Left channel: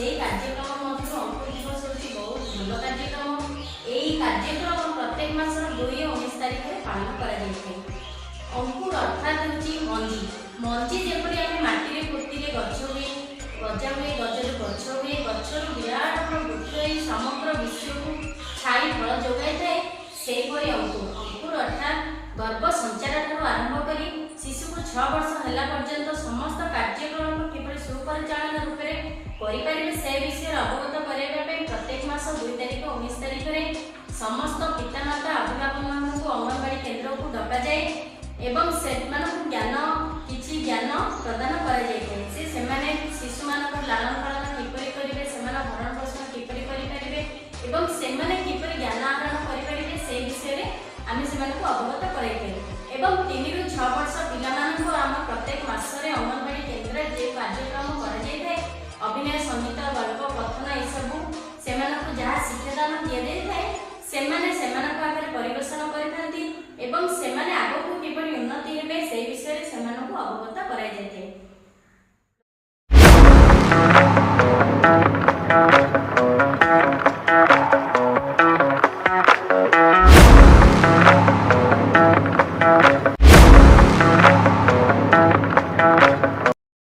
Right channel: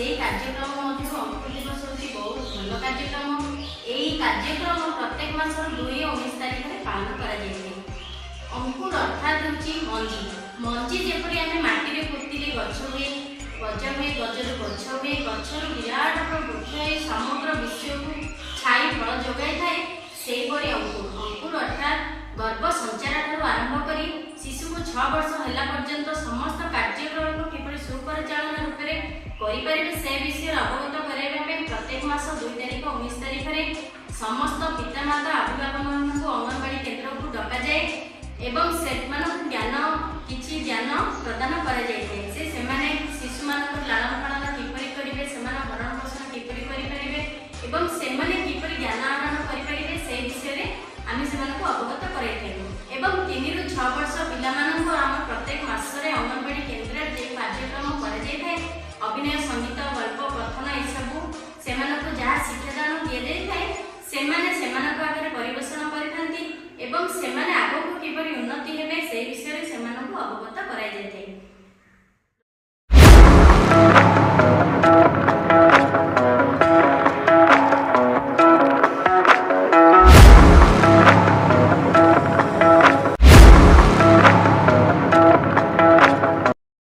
ସେହି କାର୍ଯ୍ୟକ୍ରମ ମଧ୍ୟରୁ ଅଙ୍କୁର ଦିବସ ହେଉଛି ବହୁତ ଭଲ କାର୍ଯ୍ୟକ୍ରମ। ଏହି କାର୍ଯ୍ୟକ୍ରମ ପ୍ରତ୍ୟେକ ମାସର 2 ଓ 19 ତାରିଖରେ ପାଳନ କରାଯାଇଥାଏ। ଅଙ୍କୁର ଅର୍ଥାତ୍ ହେଉଛି ମଞ୍ଜି। ମଞ୍ଜି ଯେପରି ଆମେ ମାଟିରେ ପୋତିଲେ ଗଛ ହୁଏ, ଗଜା ହୁଏ, ଗଜରୁ ଗଛ ହୁଏ, ଗଛରୁ ବିରାଟ ବୃକ୍ଷ ହୋଇ ସମଗ୍ର ବିଶ୍ୱକୁ ଛାଇ ଫଳ ଯୋଗାଇଥାଏ, ସେହିପରି ଅଙ୍କୁର ଅର୍ଥାତ୍ ଗର୍ଭ ସଞ୍ଚାର ଠାରୁ ଆରମ୍ଭ କରି ଶିଶୁକୁ 6 ବର୍ଷ ହେଲା ପର୍ଯ୍ୟନ୍ତ ସମସ୍ତ କାର୍ଯ୍ୟକ୍ରମକୁ କିପରି ସୁପରିଚାଳନା ରୂପରେ କରିପାରିବେ ସେ ବିଷୟରେ ଅବଗତ କରାଇବା ପାଇଁ ପ୍ରତ୍ୟେକ ମାସ 2 ତାରିଖ ଓ 19 ତାରିଖରେ ସମସ୍ତ ପିତାମାତା ଅଭିଭାବକମାନଙ୍କୁ ଅଙ୍ଗନବାଡ଼ି କେନ୍ଦ୍ରକୁ ଡକାଯାଏ ଏବଂ ସେମାନଙ୍କୁ କିଛି ଜ୍ଞାନ ପ୍ରଦାନ କରାଯାଇଥାଏ। ସେମାନେ ଶିଶୁମାନଙ୍କର ଲାଳନ ପାଳନ କିପରି କରିବେ, ସେମାନଙ୍କ ଭରଣ ପୋଷଣ କିପରି କରିପାରିବେ ଏବଂ ସେମାନେ କିପରି ଜ୍ଞାନ ଆହରଣ କରିପାରିବେ ସେହି ବିଷୟରେ ଆମେ ସେମାନଙ୍କୁ ଅବଗତ କରାଇଥାଉ। ଏବଂ 3 ରୁ 6 ବର୍ଷ ପିଲାମାନଙ୍କୁ ଆମ ପ୍ରତ୍ୟେକ ମାସରେ ଅଙ୍ଗନବାଡ଼ି କେନ୍ଦ୍ରରେ ଯେଉଁ କାର୍ଯ୍ୟକ୍ରମ କରାଯାଇଥାଏ, ଅଭିନୟ, ସଙ୍ଗୀତ, ଗଳ୍ପ, କଥନ ଏସବୁ ସେମାନଙ୍କୁ ଯାହା ଶିକ୍ଷାଦାନ ଦିଆଯାଇଥାଏ ସେମାନେ ସେମାନଙ୍କ ଆଗରେ ପରିବେଷଣ କରିଥାନ୍ତି ଏବଂ ସେମାନେ ଆଗକୁ କିପରି ଉନ୍ନତି ହେବେ ସେହି ବିଷୟରେ ସେମାନଙ୍କୁ ଅବଗତ କରାଯାଇଥାଏ।